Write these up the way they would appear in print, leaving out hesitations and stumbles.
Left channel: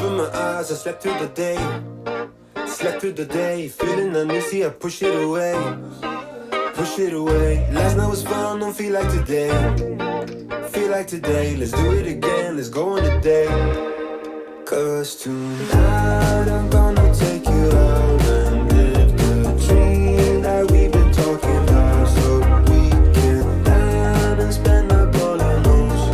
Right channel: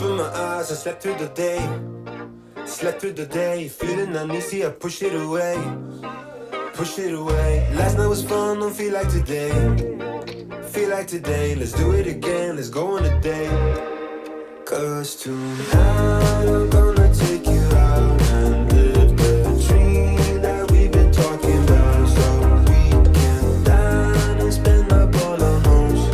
Open my eyes, I slept through the day. Slept through the day, feeling uneasy, I push it away. Push it away. Last night was fun, don't feel like today. Feel like today, let's do it again, let's go on a date. Cause tonight I'm gonna take you out and live the dream that we've been talking about. So we can dine and spend up all on hoes.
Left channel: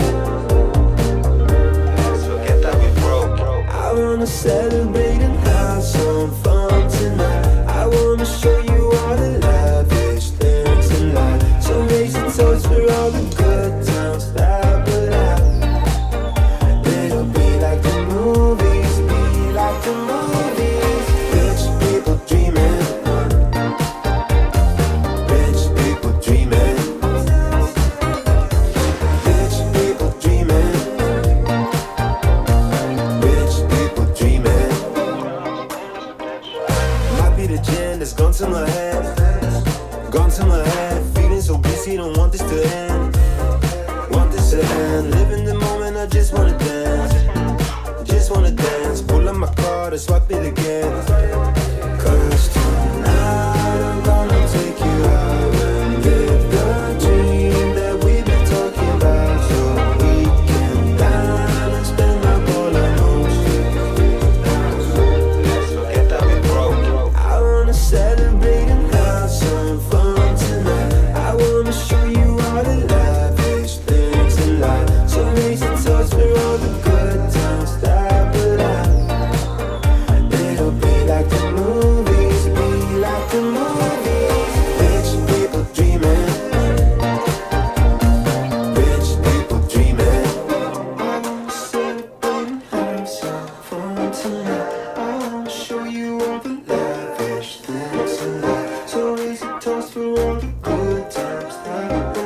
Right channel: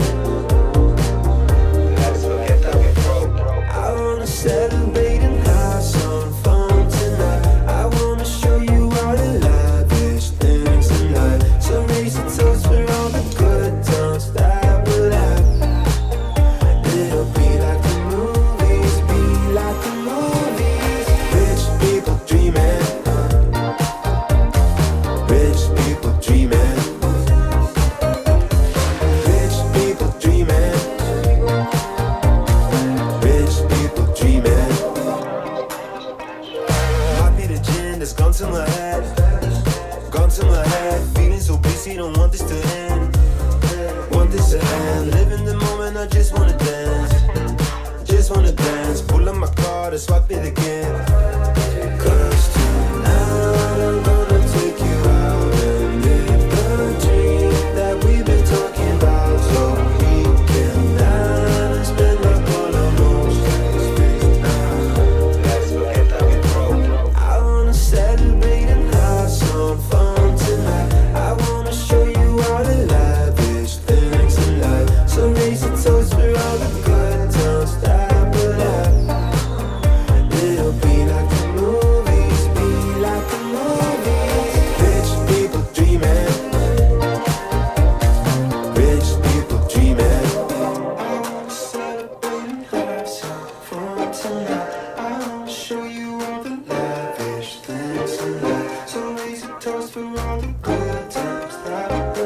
Forget that we broke. I wanna celebrate and have some fun tonight. I wanna show you all the lavish things in life. So raise your toast for all the good times that we'll have. It'll be like the movies, be like the movies. Rich people dreaming. Rich people dreaming. Rich people dreaming. Rich people dreaming. Might be the gin that's gone to my head. Gone to my head. Feeling so busy, don't want this to end. Want this to end. Live in the moment, I just wanna dance. Just wanna dance. Pull up my card and swipe it again. Cause tonight I'm gonna take you out and live the dream that we've been talking about. So we can dine and spend up all our hoes. I wanna celebrate and have some fun tonight. I wanna show you all the lavish things in life. So raise your toast for all the good times that we'll have. It'll be like the movies, be like the movies. Rich people dreaming. Rich people dreaming. I wanna celebrate and have some fun tonight. I wanna show you all the lavish things in life. So raise your toast for all the good times that we'll